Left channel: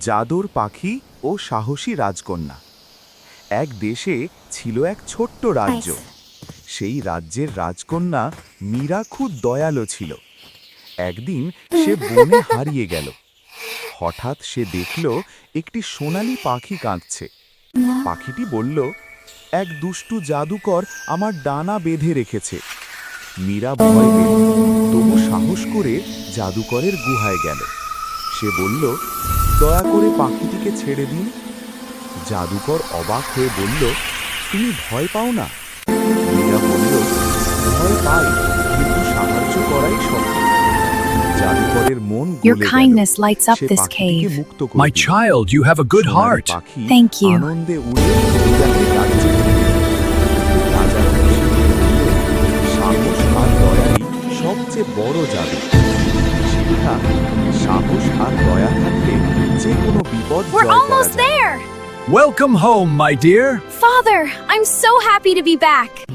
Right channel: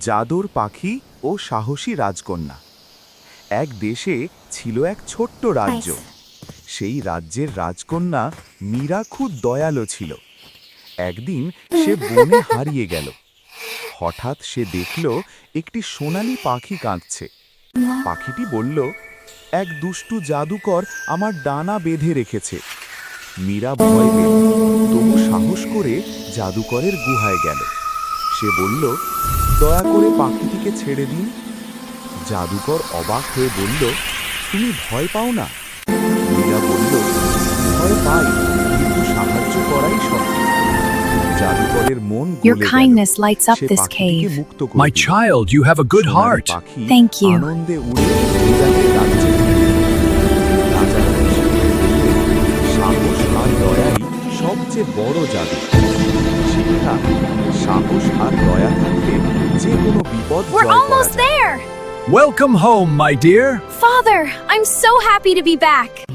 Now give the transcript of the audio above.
জাদুর পাখি ও সাহসী রাজকন্যা। এক দেশে ছিল এক ছোট্ট রাজ্য। সেই রাজ্যের রাজকন্যা মীরা খুব দয়ালু ছিল। একদিন সে বনে হারিয়ে গেল। হঠাৎ সে দেখল একটি সোনালী পাখি কাঁদছে। পাখিটি বলল, এক দুষ্টু জাদুকর আমার ডানা বেঁধে রেখেছে। মীরা ভয় পেল, তবু সাহস করে জাদুকরের গুহায় গেল। সে বলল, দয়া করে পাখিটিকে ছেড়ে দিন। জাদুকর অবাক হয়ে বলল, তুমি ভয় পাও না? মীরা বলল, ভয় পাই, কিন্তু সাহায্য করাই সত্য। জাদুকরের মন Your গলে গেল। kindness lights up say this পাখিটিকে cave. মুক্ত করে My দিল। child, you have a good Sonali heart. পাখি Thank you. আনন্দে উড়ে মীরাকে রাজ্যে ফিরে এলো। রাজা খুশি হয়ে বললেন, সাহস আর দয়াই সবচেয়ে বড় জাদু। শিক্ষা, সাহস আর দয়া থাকলে যে কোনো বিপদ We're জয় করা almost যায়। there! Welcome home, my dear. Father, I'm so happy to be back.